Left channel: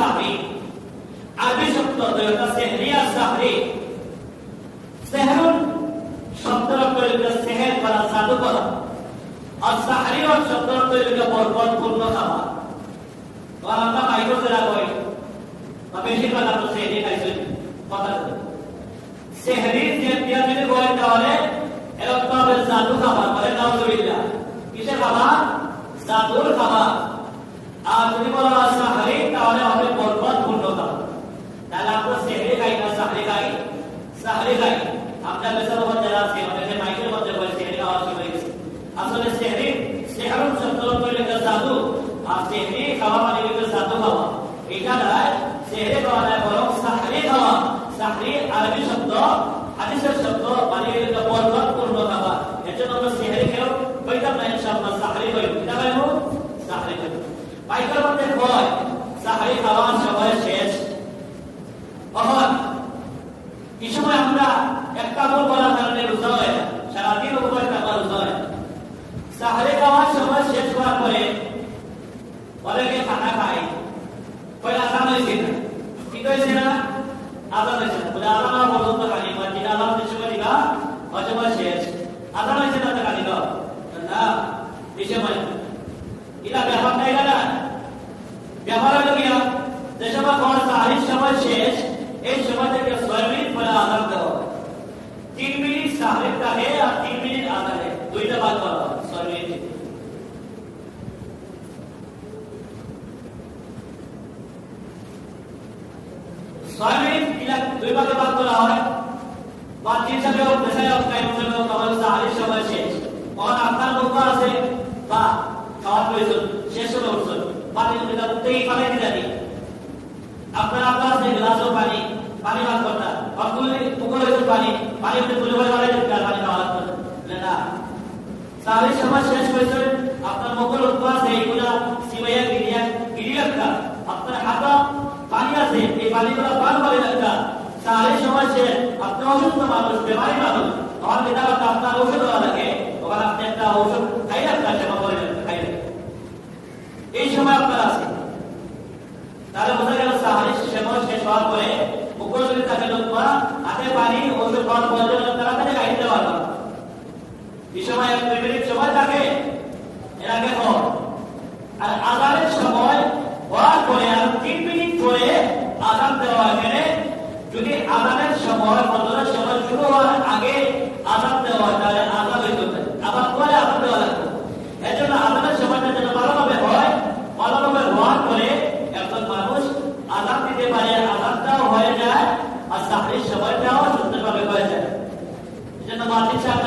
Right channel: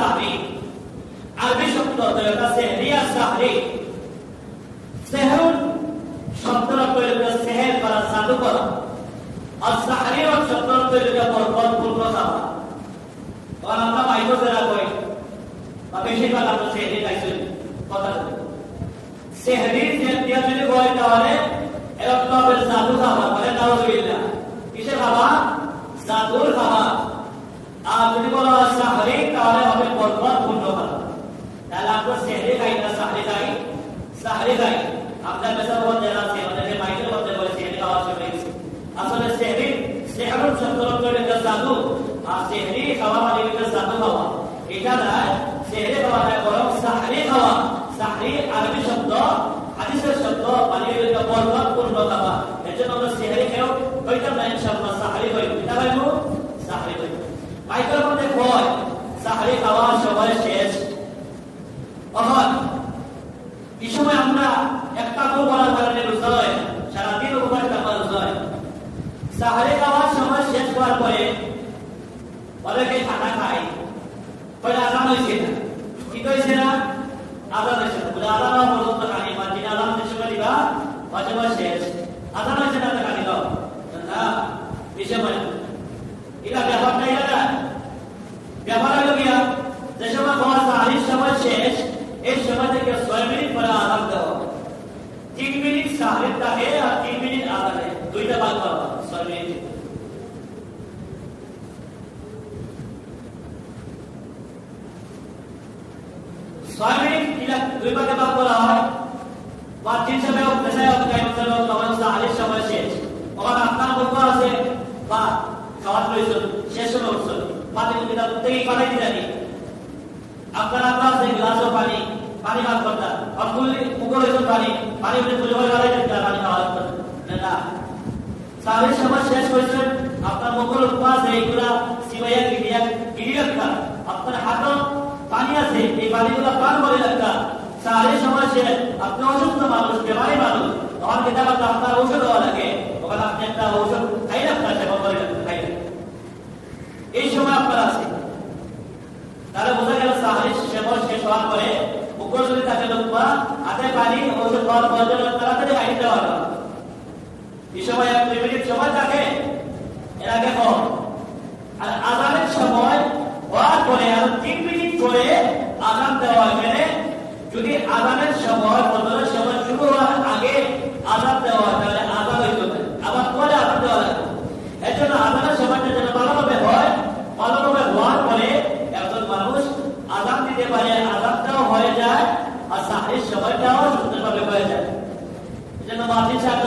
সাহরি আরবি শব্দ দুইটা সেহরি আর সাহরি সেহরুন শব্দটা তৈরি সেহের করা জাদু করা। আর সাহরির শব্দটা তৈরি বরকত খাওয়া। তখন আমরা বাইরে যারা কই বা বেশিরভাগ আমরা সেহরি খাইছি, কথা সেহরি যে দিয়ে যদি কয় তাহলে এরকম হবে খাবার মানে নাউজুবিল্লাহ। কিসের খাবার জাদুর খাবার আর যদি বলা হয় সাহরি তাহলে হবে বরকত পূর্ণ খাবার তাহলে আমরা সেহরি খাই না সাহরি খাই সাহরি খাই আমরা বেসার মধ্যে আছে অনেকে মাইকের মধ্যে বলে সেহরি খাওয়া চলে গেছে। আসলে সেহরি সেহরুন সত্তর তৈরি জাদু আর সেহরি খাওয়া মানে এটা শব্দ মানে শেষ। আমরা একটা গোল বলার কারণে রোজা হয় সারাদিন উপর টাকা রোজা হয় সাহারে খাওয়ার সময় শেষ হওয়ার পরে অনেকে খানা খায়। পরে আজান হয়েছে? না ঠিক হয়েছে না? আজান হয়েছে না। বলে, আজান হওয়া পর্যন্ত খানি মাঝিটা আজান হতে সময় দিবা? অসময় শেষ। আজান হয়েছে না তো দাও না বিষয় মানে এটা ব্যাপারটা এটা না ব্যাপার হলো কিনা? যে সময় খাওয়ার সাহারির সময় শেষ, এই সময় থেকে ছয় মিনিট পরে তিন সাহারির থাকে আর তিন মিনিট আজানে দুইটা ভাগ করা ছয় মিনিট। ভাগে ভাগ সময় শেষ। আপনার বন্ধু আছে, বা খাওয়ার প্রয়োজন, শেষ হলো পানি পানি আপনার আপনার আছে, গ্লাসও পানি পানি পান করতা অনগুলি পুকুর হইতো পানি ঔষধ লাগে। আপনি একটা ঔষধ খাই রাখা সেবা করে এই সময় আপনার আছে। তাহলে বোঝা গেল সাহারির সেবা শেষ হওয়ার পরে যদি থাকে লোকমা হাতে পানি ওষুধ খাওয়ার প্রয়োজন তারা কাছে গাড়ি দেওয়া এই সময় এক দুই মিনিট সময় থাকে এর আগে কম আর আজানের সময় হওয়ার পরে আর তিন মিনিট পরে আজান দেওয়া এখানে যদি আজানের সময় বদলের সময় শুরু হওয়ার আগে আজান দেওয়া তাহলে আজান হইতে আবার পরে আজান দেওয়া লাগবে। এর জন্য আজানের সময়টা যেন ভালোভাবে হয়, ভালোভাবে হওয়ার পরে একজন মানুষ আজান দিতে পারে আজানটাও হয়ে যায়, আর চাকরির সময়টাও সুন্দরভাবে হয়ে যায় এই জন্য মাতৃ সাহেব